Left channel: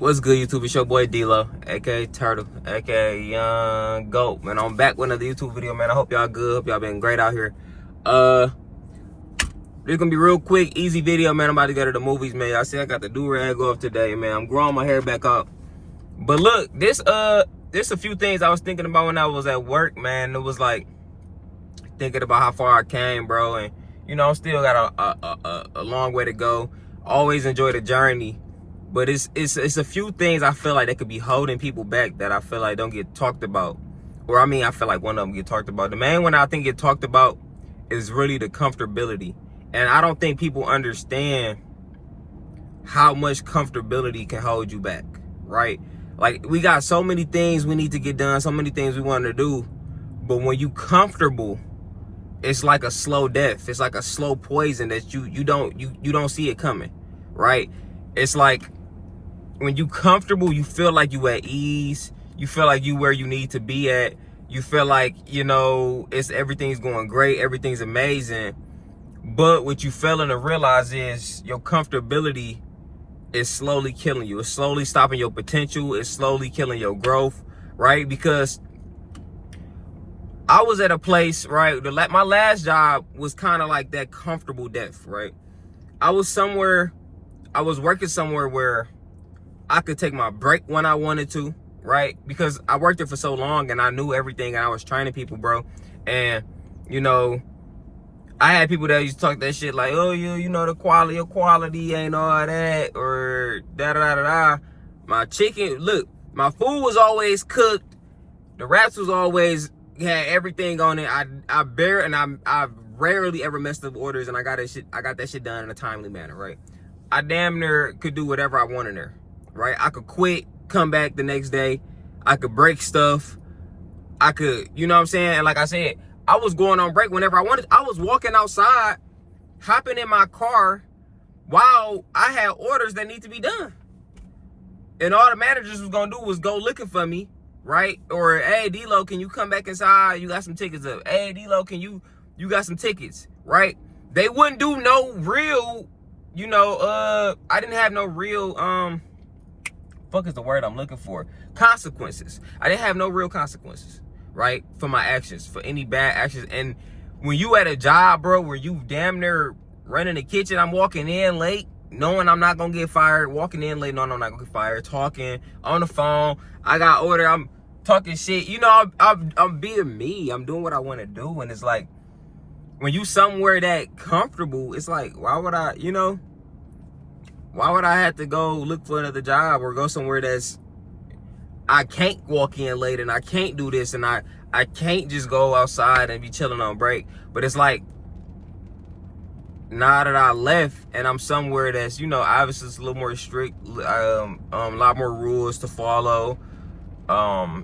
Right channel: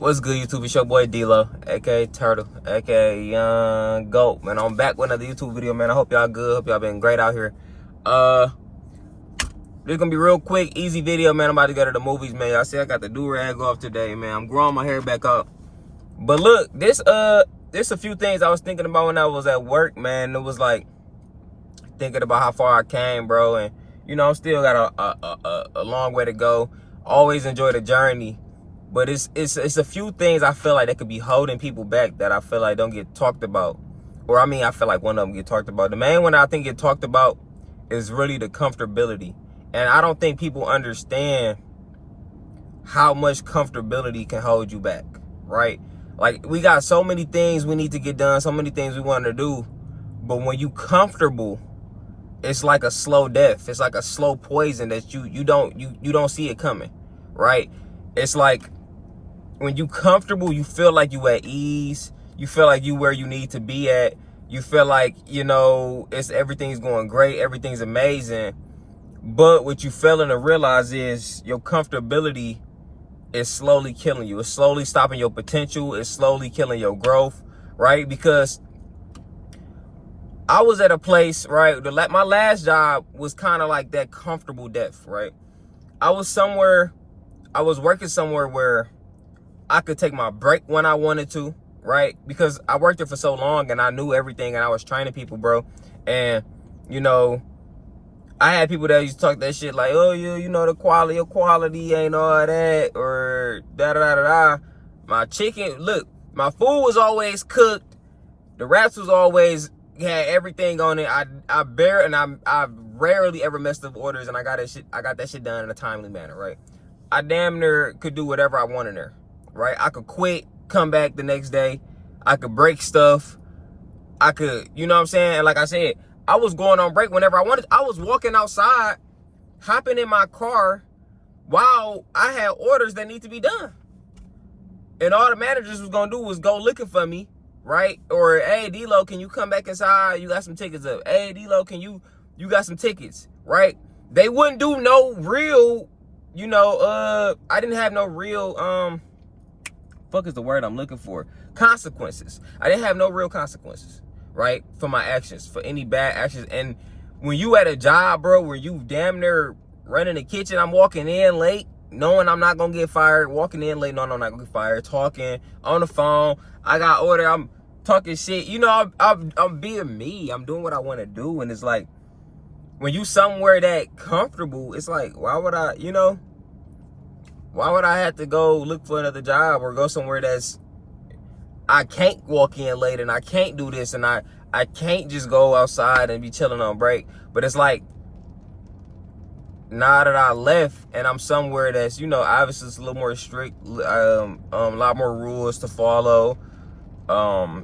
What's good, YouTube? It's your boy D-Lo, aka Turtle, aka Young Goat. Man, I'm back with another YouTube video, man. I hope y'all good. Hope y'all been great out here. This gonna be real quick, easy video, man. I'm about to go to the movies, man. Y'all see I got the do-rag off today, man. I'm growing my hair back up. But look, this a few things I was thinking about when I was at work, man. It was like thinking about how far I came, bro, and you know, I still got a long way to go. Always enjoy the journey. But it's a few things I feel like that could be holding people back that I feel like don't get talked about. Or I mean, I feel like one of them get talked about. The main one I think get talked about is really the comfortability. And I don't think people understand how much comfortability can hold you back, right? Like, we got so many things we need to get done, so many things we want to do. But when you comfortable, it's like a slow death. It's like a slow poison that you don't see it coming, right? It's like, when you comfortable, you feel like you at ease. You feel like you where you need to be at. You feel like, you know, everything's going great. Everything's amazing. But what you failing to realize is your comfortability is slowly killing you. It's slowly stopping your potential. It's slowly killing your growth, right? Because I was at a place, right? My last job was kind of like that comfortable death, right? I was working somewhere where I could take my break when I wanted to, right? Because I worked there for so long and I knew everything and I was training people, bro. And, you know, I had people that used to talk that shit like, oh, you know, your quality ain't all that, or da-da-da-da-da. My chicken, look, my food was always cooked. The wraps was always, had everything on it. I rarely ever messed up orders, and I got that shit done in a timely manner, right? I damn near could do whatever I wanted there. Right? I could quit, come back the next day. I could break stuff. I could, you know what I'm saying? And like I said, I was going on break whenever I wanted. I was walking outside, hopping in my car while I had orders that need to be done. And all the managers was going to do was go looking for me, right? Or, hey, D-Lo, can you come back inside? You got some tickets up. Hey, D-Lo, you got some tickets, right? They wouldn't do no real, you know, I didn't have no real, fuck is the word I'm looking for? Consequences. I didn't have no real consequences, right? For my actions, for any bad actions. And when you at a job, bro, where you damn near running the kitchen, I'm walking in late, knowing I'm not gonna get fired, walking in late, knowing I'm not gonna get fired, talking on the phone, I got order, I'm talking shit. You know, I'm being me. I'm doing what I want to do. And it's like, when you somewhere that comfortable, it's like, why would I, you know? Why would I have to go look for another job or go somewhere I can't walk in late and I can't do this and I can't just go outside and be chilling on break? But it's like, now that I left and I'm somewhere that's, you know, obviously it's a little more strict, a lot more rules to follow.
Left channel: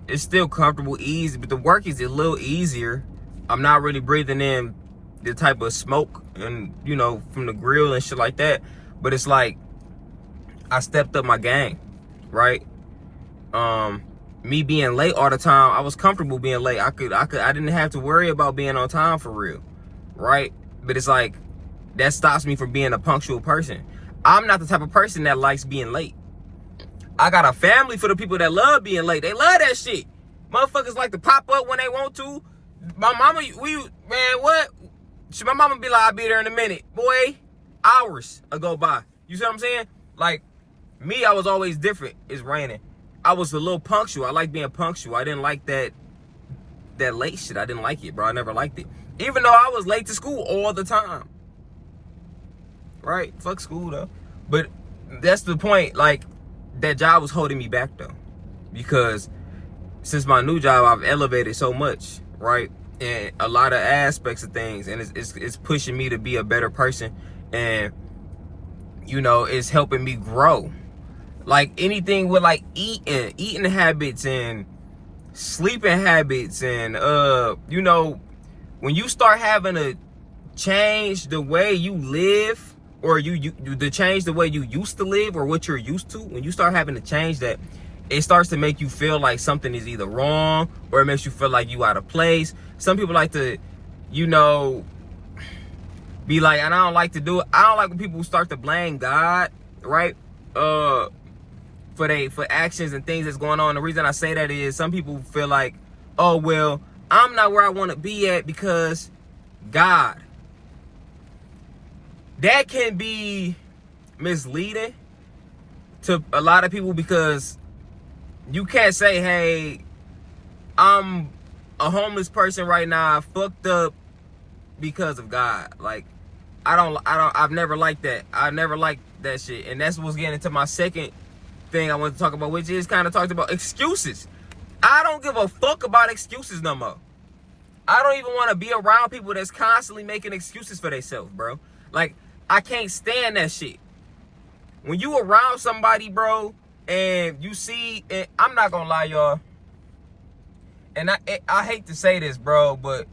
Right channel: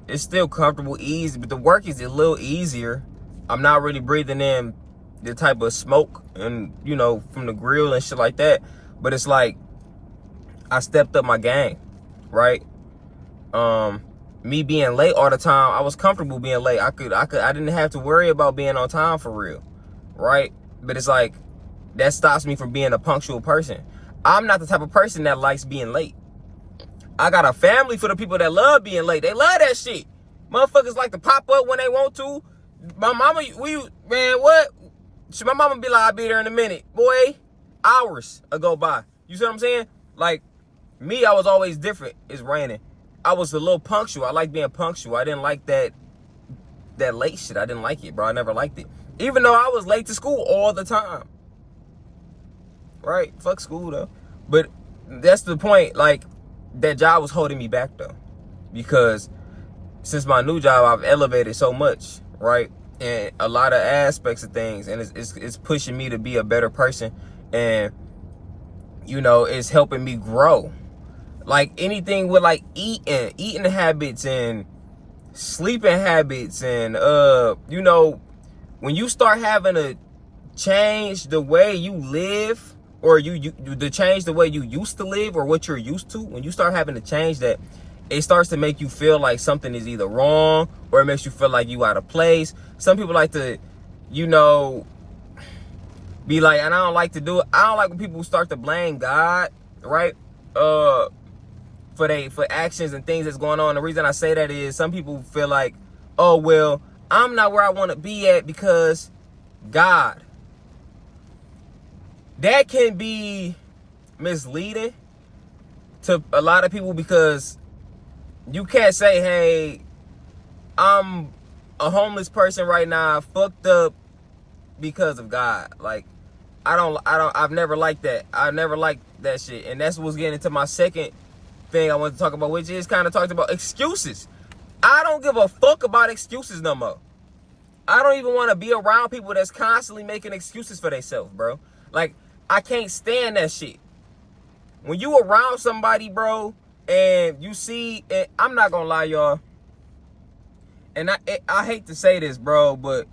It's still comfortable, easy, but the work is a little easier. I'm not really breathing in the type of smoke and, you know, from the grill and shit like that. But it's like, I stepped up my game, right? Me being late all the time, I was comfortable being late. I didn't have to worry about being on time for real, right? But it's like, that stops me from being a punctual person. I'm not the type of person that likes being late. I got a family for the people that love being late. They love that shit. Motherfuckers like to pop up when they want to. My mama, man, what? My mama be like, I'll be there in a minute. Boy, hours go by. You see what I'm saying? Like, me, I was always different. It's raining. I was a little punctual. I like being punctual. I didn't like that late shit. I didn't like it, bro. I never liked it. Even though I was late to school all the time. Right? Fuck school, though. But that's the point. Like, that job was holding me back, though. Because since my new job, I've elevated so much, right? And a lot of aspects of things. And it's pushing me to be a better person. And, you know, it's helping me grow. Like, anything with, like, eating habits and sleeping habits and, you know, when you start having to change the way you live, or to change the way you used to live or what you're used to, when you start having to change that, it starts to make you feel like something is either wrong or it makes you feel like you out of place. Some people like to, you know, be like, and I don't like to do it. I don't like when people start to blame God, right? for actions and things that's going on. The reason I say that is some people feel like, oh, well, I'm not where I want to be at because God. That can be misleading to a lot of people, because you can't say, hey, I'm a homeless person right now, fucked up because of God. Like, I've never liked that. I never liked that shit. And that's what's getting into my second thing I want to talk about, which is kind of talked about excuses. I don't give a fuck about excuses no more. I don't even want to be around people that's constantly making excuses for themselves, bro. Like, I can't stand that shit. When you around somebody, bro, and you see, and I'm not gonna lie, y'all, and I hate to say this, bro, but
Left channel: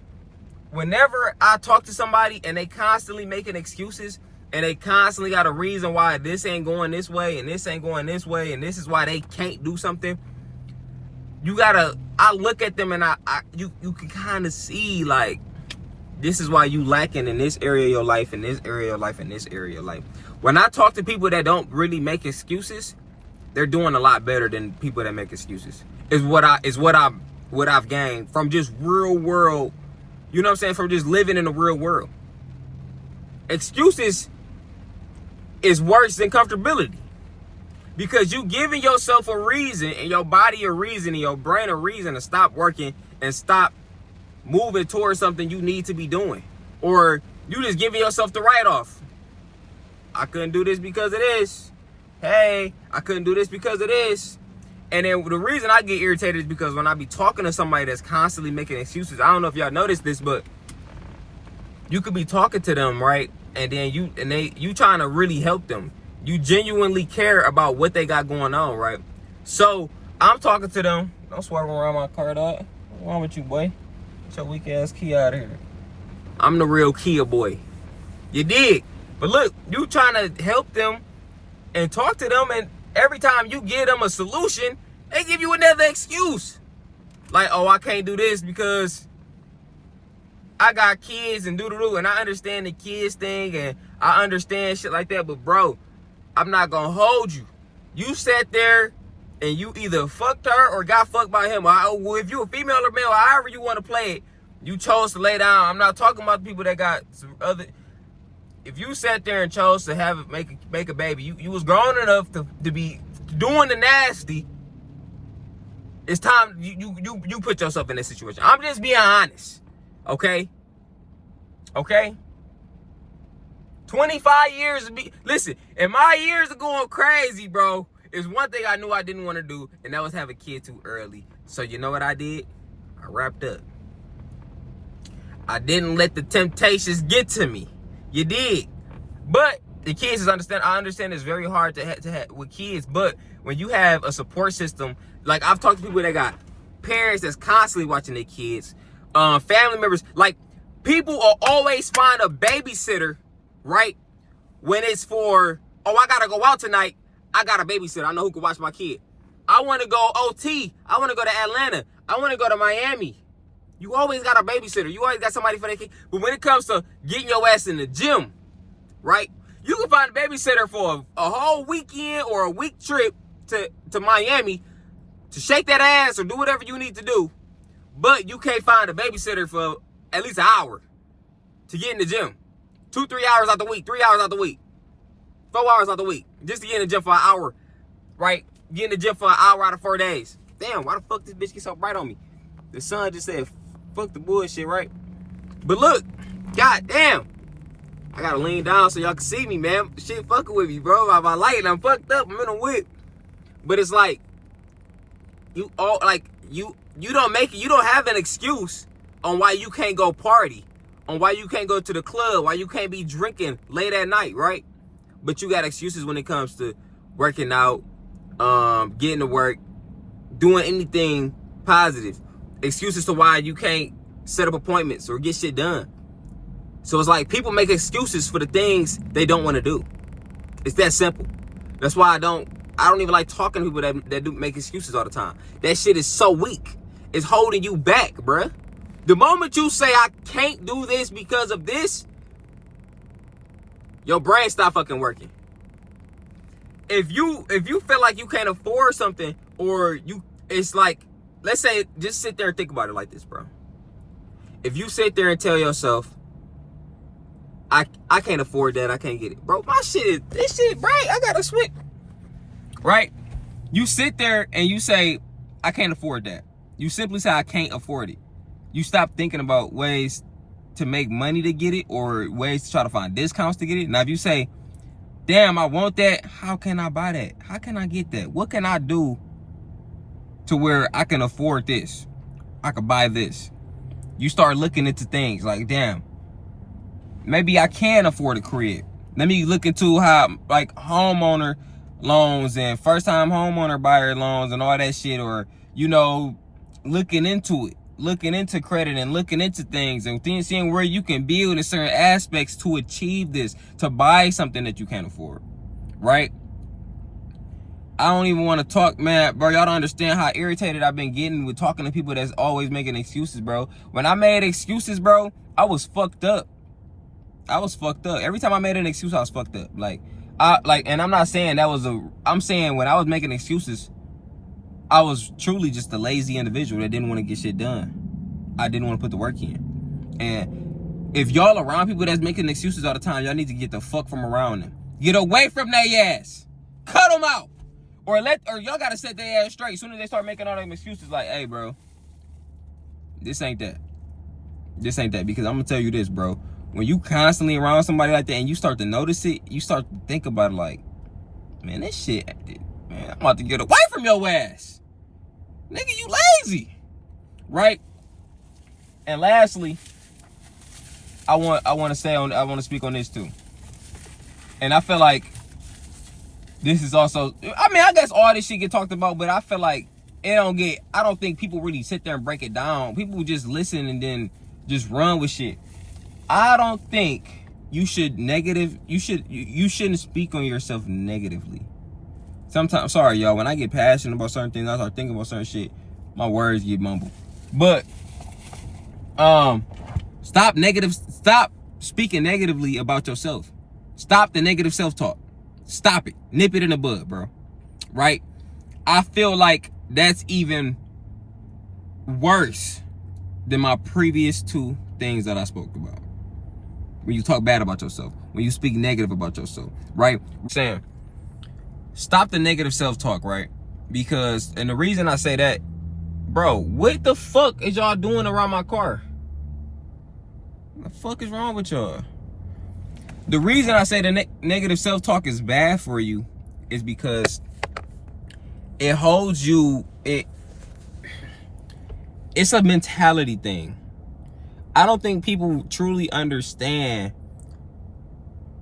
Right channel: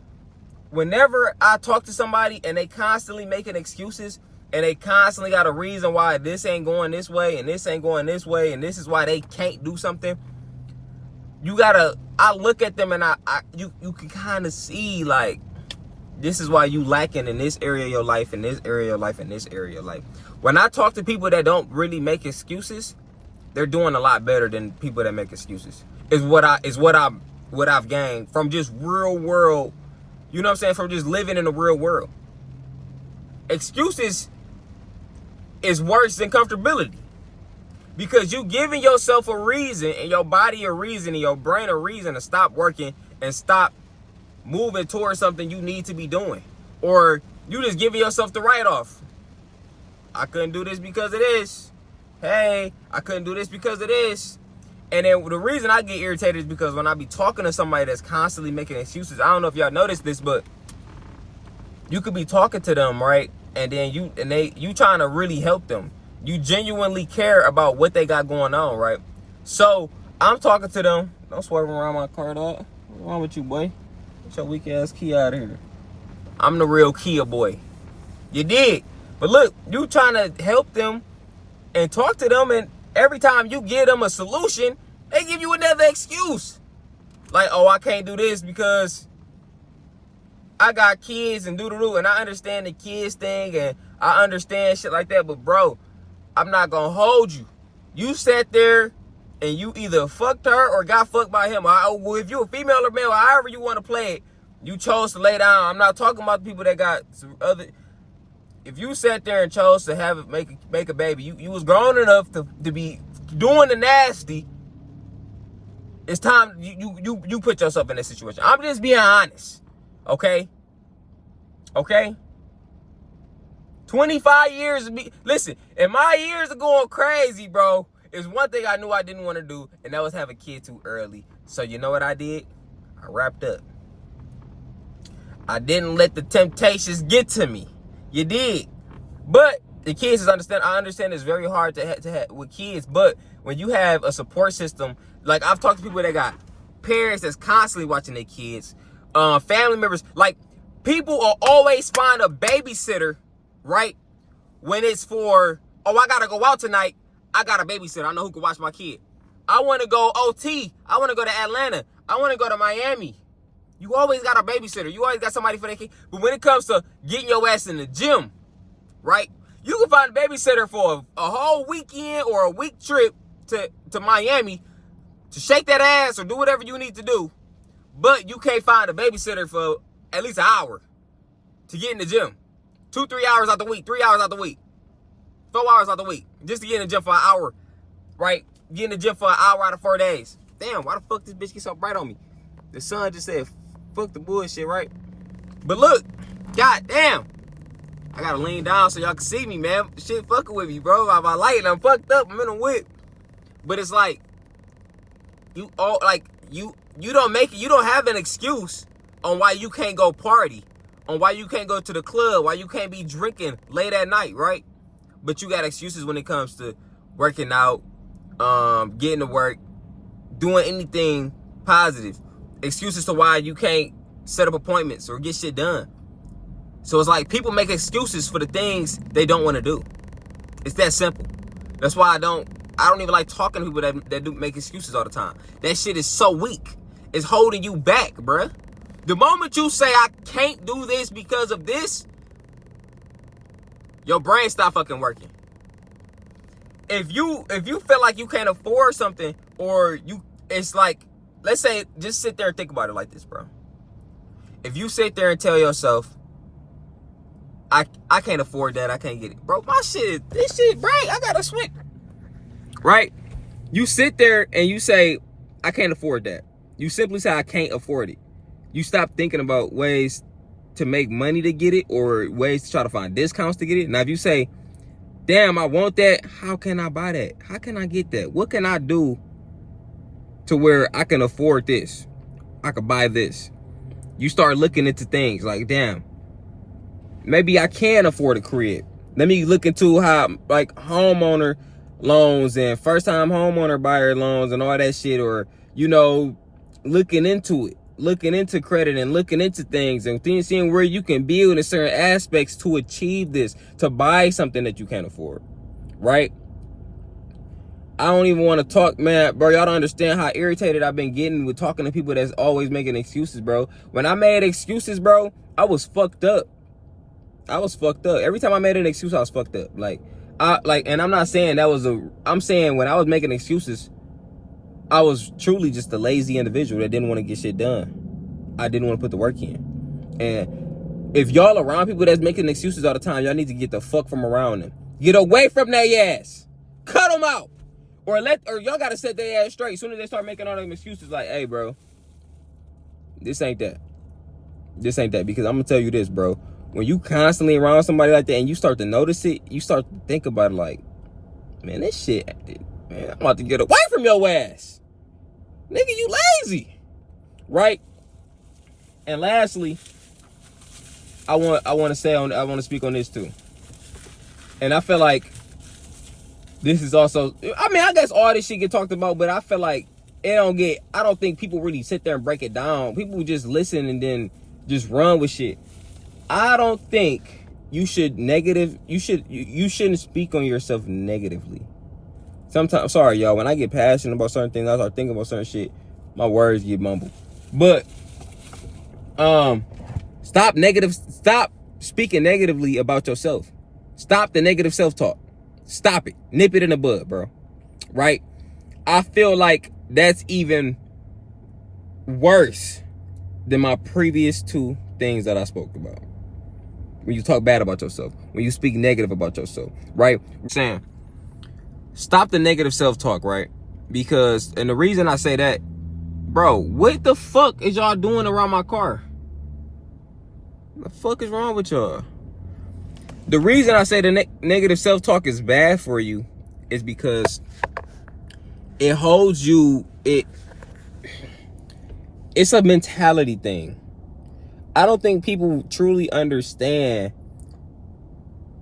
whenever I talk to somebody and they constantly making excuses and they constantly got a reason why this ain't going this way and this ain't going this way and this is why they can't do something, I look at them and you can kind of see, like, this is why you lacking in this area of your life, in this area of your life, in this area of your life. When I talk to people that don't really make excuses, they're doing a lot better than people that make excuses. Is what I've gained from just real world, you know what I'm saying? From just living in the real world. Excuses is worse than comfortability. Because you giving yourself a reason and your body a reason and your brain a reason to stop working and stop moving towards something you need to be doing. Or you just giving yourself the write-off. I couldn't do this because of this. Hey, I couldn't do this because of this. And then the reason I get irritated is because when I be talking to somebody that's constantly making excuses, I don't know if y'all noticed this, but you could be talking to them, right? And then you trying to really help them. You genuinely care about what they got going on, right? So I'm talking to them. Don't swerve around my car, dog. What's wrong with you, boy? Get your weak ass key out of here. I'm the real Kia boy. You dig? But look, you trying to help them and talk to them, and every time you give them a solution, they give you another excuse. Like, oh, I can't do this because I got kids and doo-doo-doo. And I understand the kids thing and I understand shit like that. But, bro, I'm not going to hold you. You sat there and you either fucked her or got fucked by him. If you a female or male, however you want to play it, you chose to lay down. I'm not talking about the people that got some other. If you sat there and chose to have it, make a baby, you was grown enough to be doing the nasty. It's time you put yourself in this situation. I'm just being honest, okay? Okay? 25 years of me. Listen, and my years are going crazy, bro. It's one thing I knew I didn't want to do, and that was have a kid too early. So you know what I did? I wrapped up. I didn't let the temptations get to me. You did. But the kids is understand. I understand it's very hard to have with kids, but when you have a support system, like I've talked to people that got parents that's constantly watching their kids, family members, like people will always find a babysitter, right? When it's for, oh, I gotta go out tonight, I got a babysitter. I know who can watch my kid. I want to go OT. I want to go to Atlanta. I want to go to Miami. You always got a babysitter. You always got somebody for that kid. But when it comes to getting your ass in the gym, right? You can find a babysitter for a whole weekend or a week trip to Miami to shake that ass or do whatever you need to do. But you can't find a babysitter for at least an hour to get in the gym. 2-3 hours out the week, 3 hours out the week, 4 hours out the week, just to get in the gym for an hour, right? Get in the gym for an hour out of 4 days. Damn, why the fuck this bitch get so bright on me? The sun just said, fuck the bullshit, right? But look, goddamn, I gotta lean down so y'all can see me, man. Shit fucking with me, bro. My light, I'm fucked up. I'm in a whip. But it's like, you don't make it. You don't have an excuse on why you can't go party, on why you can't go to the club, why you can't be drinking late at night, right? But you got excuses when it comes to working out, getting to work, doing anything positive. Excuses to why you can't set up appointments or get shit done. So it's like people make excuses for the things they don't want to do. It's that simple. That's why I don't even like talking to people that do make excuses all the time. That shit is so weak. It's holding you back, bruh. The moment you say, I can't do this because of this, your brain stop fucking working. if you feel like you can't afford something, or it's like, let's say, just sit there and think about it like this, bro. If you sit there and tell yourself, I can't afford that, I can't get it, bro. This shit, right? I gotta switch, right? You sit there and you say, I can't afford that. You simply say, I can't afford it. You stop thinking about ways to make money to get it, or ways to try to find discounts to get it. Now, if you say, damn, I want that, how can I buy that? How can I get that? What can I do to where I can afford this? I could buy this. You start looking into things like, damn, maybe I can afford a crib. Let me look into how, like, homeowner loans and first-time homeowner buyer loans and all that shit, or, you know, looking into it, looking into credit and looking into things and seeing where you can build in certain aspects to achieve this, to buy something that you can't afford, right? I don't even want to talk, man, bro. Y'all don't understand how irritated I've been getting with talking to people that's always making excuses, bro. When I made excuses, bro, I was fucked up. I was fucked up. Every time I made an excuse, I was fucked up. And I'm not saying I'm saying when I was making excuses, I was truly just a lazy individual that didn't want to get shit done. I didn't want to put the work in. And if y'all around people that's making excuses all the time, y'all need to get the fuck from around them. Get away from their ass. Cut them out. Or y'all gotta set their ass straight. As soon as they start making all them excuses, like, hey, bro, this ain't that. This ain't that. Because I'm gonna tell you this, bro. When you constantly around somebody like that and you start to notice it, you start to think about it like, man, this shit, man, I'm about to get away from your ass. Nigga, you lazy. Right? And lastly, I want to speak on this too. And I feel like this is also, I mean, I guess all this shit get talked about, but I feel like I don't think people really sit there and break it down. People just listen and then just run with shit. I don't think you shouldn't speak on yourself negatively. Sometimes, sorry y'all, when I get passionate about certain things, I start thinking about certain shit, my words get mumbled. But stop speaking negatively about yourself. Stop the negative self-talk. Stop it. Nip it in the bud, bro. Right? I feel like that's even worse than my previous two things that I spoke about. When you talk bad about yourself, when you speak negative about yourself, right? I'm saying, stop the negative self-talk, right? Because, and the reason I say that, bro, what the fuck is y'all doing around my car? What the fuck is wrong with y'all? The reason I say the negative self-talk is bad for you is because it holds you, it's a mentality thing. I don't think people truly understand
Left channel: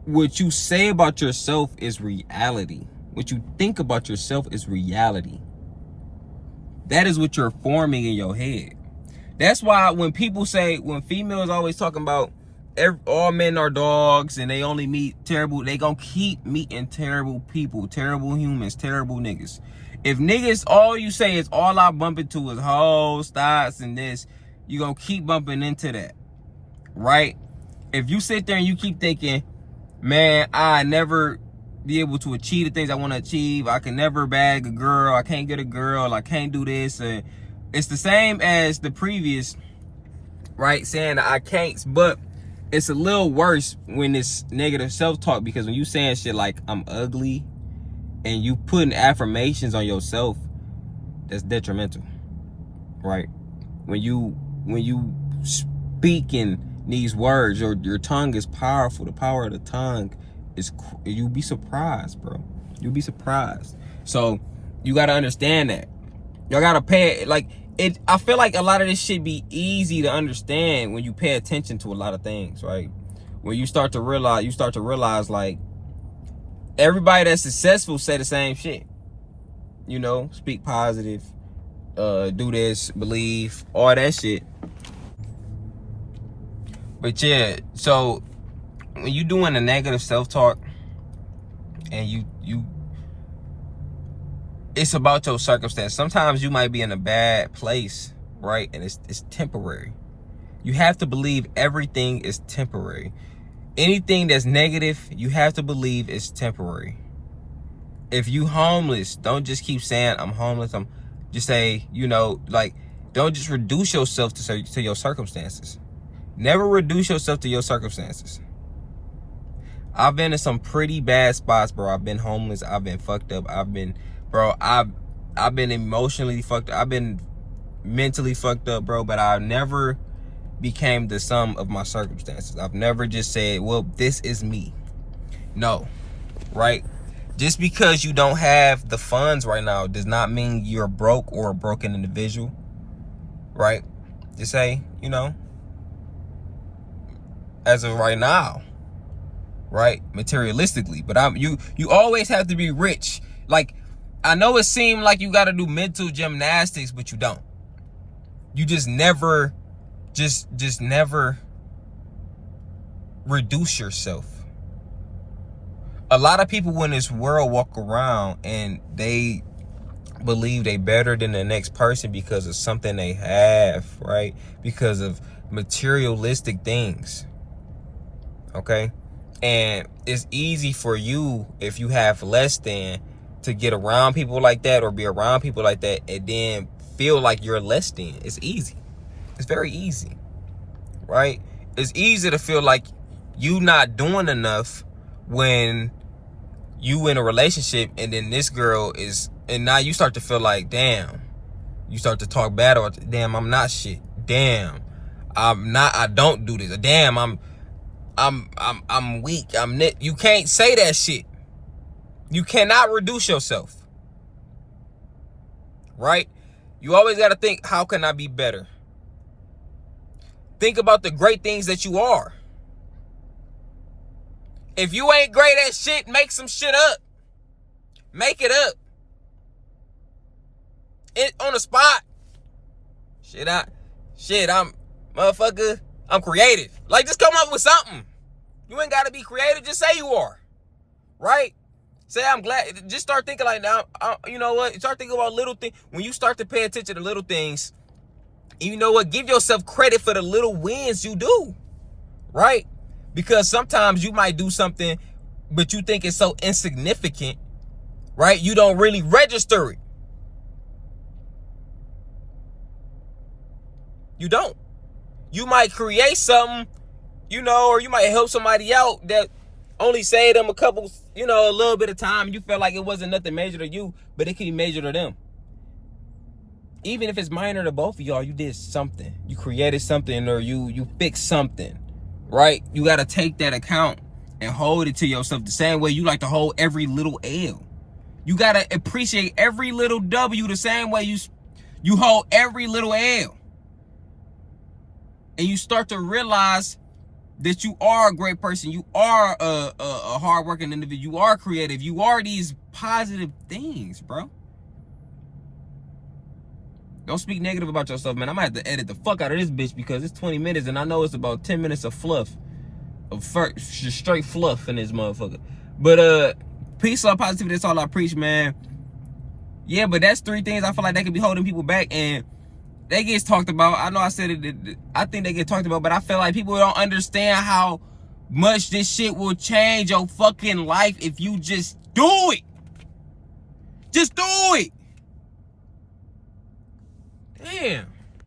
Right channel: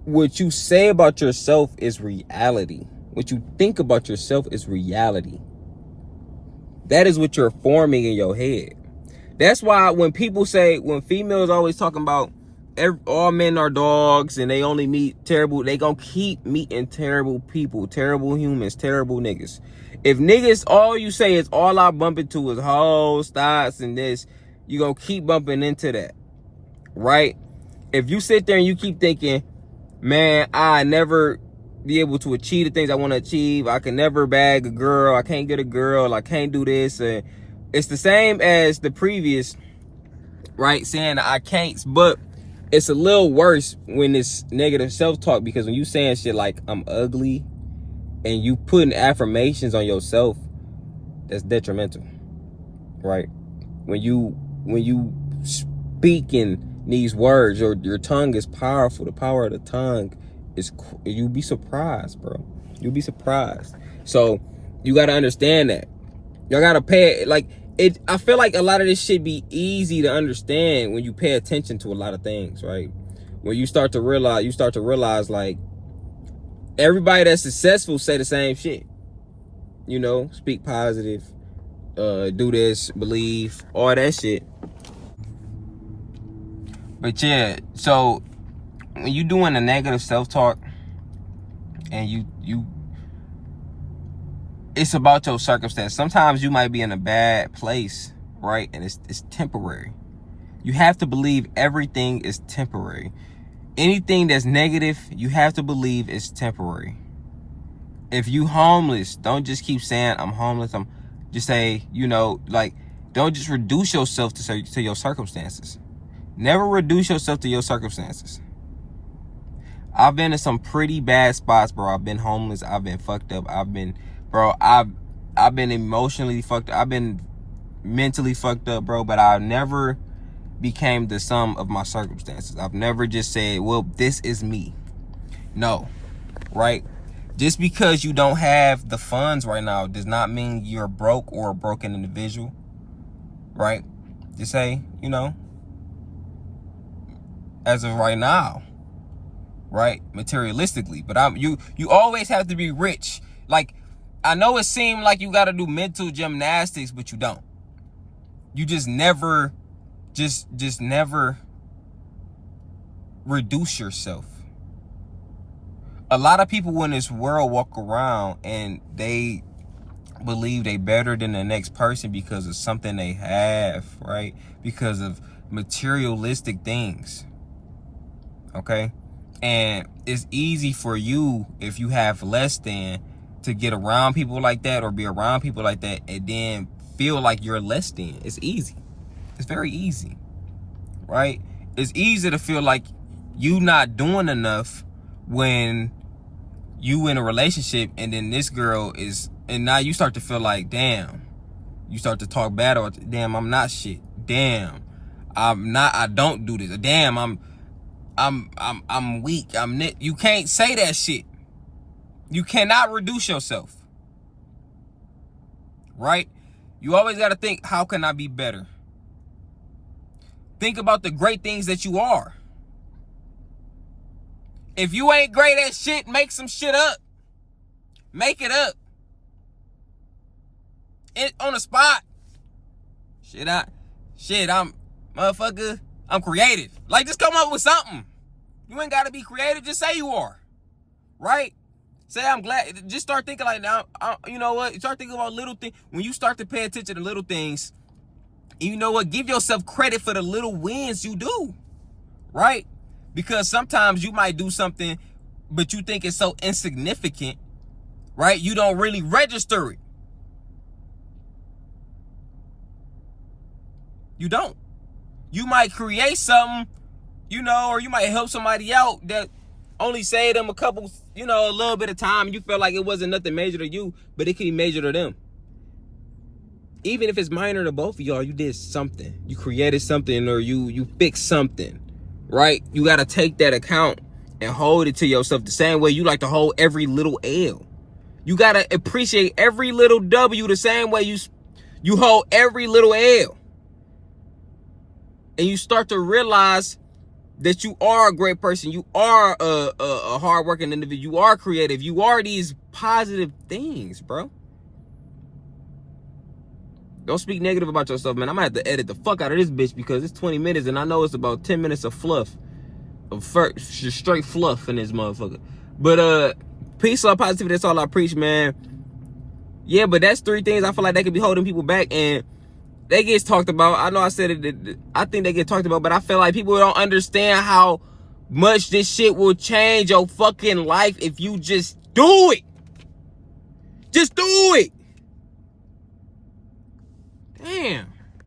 what you say about yourself is reality. What you think about yourself is reality. That is what you're forming in your head. That's why when females always talking about all men are dogs and they only meet terrible, they gonna keep meeting terrible people, terrible humans, terrible niggas. If niggas, all you say is all I bump into is hoes, thoughts, and this, you gonna keep bumping into that, right? If you sit there and you keep thinking, man, I never be able to achieve the things I want to achieve, I can never bag a girl, I can't get a girl, I can't do this, it's the same as the previous, right? Saying that I can't, but it's a little worse when it's negative self-talk, because when you saying shit like I'm ugly and you putting affirmations on yourself, that's detrimental, right? When you speak in these words, your tongue is powerful. The power of the tongue is, you'll be surprised, bro. You'll be surprised. So you got to understand that. Y'all got to pay, like, I feel like a lot of this should be easy to understand when you pay attention to a lot of things, right? When you start to realize, like, everybody that's successful say the same shit. You know, speak positive, do this, believe, all that shit. But yeah, so when you doing a negative self-talk and you it's about your circumstance. Sometimes you might be in a bad place, right? And it's temporary. You have to believe everything is temporary. Anything that's negative, you have to believe is temporary. if you homeless, don't just keep saying I'm homeless. Just say, you know, like, don't just reduce yourself to your circumstances. Never reduce yourself to your circumstances. I've been in some pretty bad spots, bro. I've been homeless. I've been fucked up. I've been emotionally fucked up. I've been mentally fucked up, bro. But I never became the sum of my circumstances. I've never just said, well, this is me. No, right? Just because you don't have the funds right now does not mean you're broke or a broken individual, right? Just say, you know, as of right now, right? Materialistically, but you always have to be rich. Like, I know it seemed like you got to do mental gymnastics, but you don't. You just never, just never reduce yourself. A lot of people in this world walk around and they believe they better than the next person because of something they have, right? Because of materialistic things, okay? And it's easy for you, if you have less than, to get around people like that or be around people like that and then feel like you're less than. It's easy. It's very easy, right? It's easy to feel like you not doing enough when you in a relationship and then this girl is, and now you start to feel like, damn, you start to talk bad or damn, I'm not shit. Damn, I don't do this. Damn, I'm weak. You can't say that shit. You cannot reduce yourself, right? You always got to think, how can I be better? Think about the great things that you are. If you ain't great at shit, make some shit up. Make it up. On the spot. I'm motherfucker. I'm creative. Like, just come up with something. You ain't got to be creative. Just say you are. Right? Say, I'm glad. Just start thinking like, now, you know what? Start thinking about little things. When you start to pay attention to little things, you know what? Give yourself credit for the little wins you do. Right? Because sometimes you might do something, but you think it's so insignificant, right? You don't really register it. You don't. You might create something, you know, or you might help somebody out that only saved them a little bit of time. You felt like it wasn't nothing major to you, but it could be major to them. Even if it's minor to both of y'all, you did something. You created something, or you fixed something. Right? You got to take that account and hold it to yourself the same way you like to hold every little L. You got to appreciate every little W the same way you hold every little L. And you start to realize that you are a great person. You are a hardworking individual. You are creative. You are these positive things, bro. Don't speak negative about yourself, man. I'm gonna have to edit the fuck out of this bitch because it's 20 minutes and I know it's about 10 minutes of fluff. Straight fluff in this motherfucker. But peace, love, positivity, that's all I preach, man. Yeah, but that's 3 things I feel like they could be holding people back, and they get talked about. I know I said it, I think they get talked about, but I feel like people don't understand how much this shit will change your fucking life if you just do it. Just do it. Damn.